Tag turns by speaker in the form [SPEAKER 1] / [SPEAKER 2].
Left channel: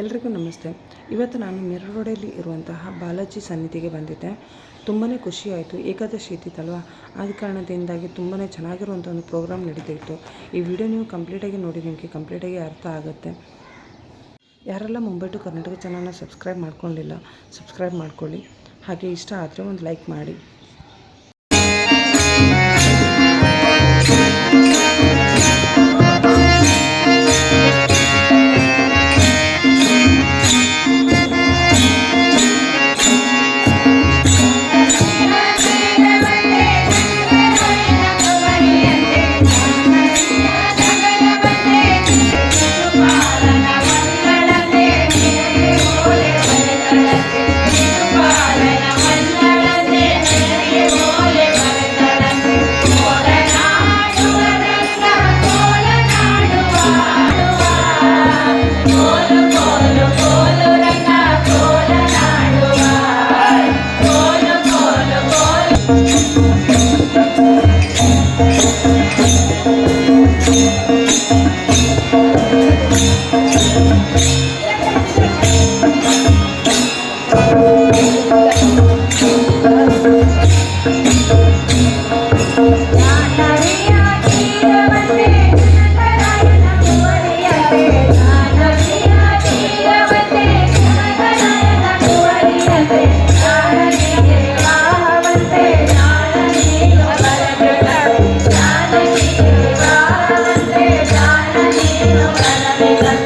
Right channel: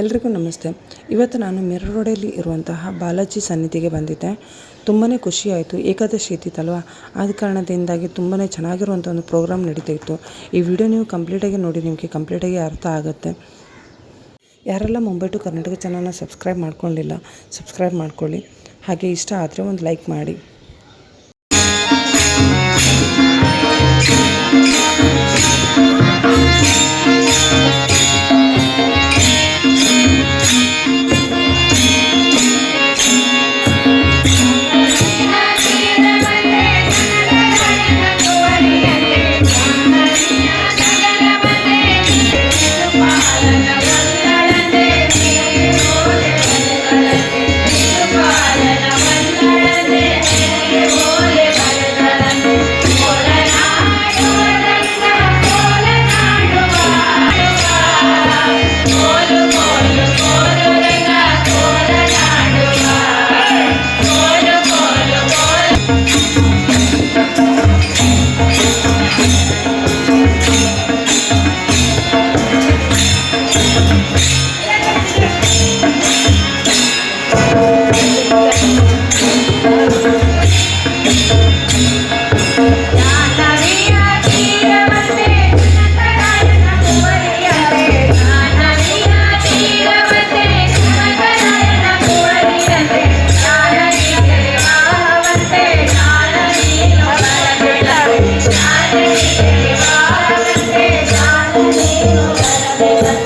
[SPEAKER 1] ಎಲ್ರಿಗೂ ನಮಸ್ತೆ. ಇವತ್ತು ನಾನು ಮಿರ್ರ್ ರೋಡಲ್ಲಿ ಇರುವಂತಹ ಬಾಲಾಜಿ ಸನ್ನಿಧಿಗೆ ಬಂದಿದ್ದೆ. ತುಂಬಾ ಖುಷಿಯಾಯಿತು. ಏಕಾದಶಿ ಇದ್ದಿತ್ತಲ್ವಾ? ಆದ ಕಾರಣದಿಂದಾಗಿ ತುಂಬಾ ಚೆನ್ನಾಗಿರುವಂಥ ಒಂದು ಪ್ರೋಗ್ರಾಮ್ ನಡೀತಾ ಇತ್ತು ಈ ವಿಡಿಯೋ ನೀವು ಕಂಪ್ಲೀಟಾಗಿ ನೋಡಿ, ನಿಮಗೆ ಕಂಪ್ಲೀಟಾಗಿ ಅರ್ಥ ಆಗುತ್ತೆ. ಯಾರೆಲ್ಲ ಮುಂಬೈ ಟು ಕರ್ನಾಟಕ ಚಾನಲ್ನ ಸಬ್ಸ್ಕ್ರೈಬ್ ಮಾಡ್ಕೊಂಡಿಲ್ಲ, ಸಬ್ಸ್ಕ್ರೈಬ್ ಮಾಡ್ಕೊಳ್ಳಿ. ಹಾಗೆ ಇಷ್ಟ ಆದರೆ ಒಂದು ಲೈಕ್ ಮಾಡಿ.
[SPEAKER 2] Thank you.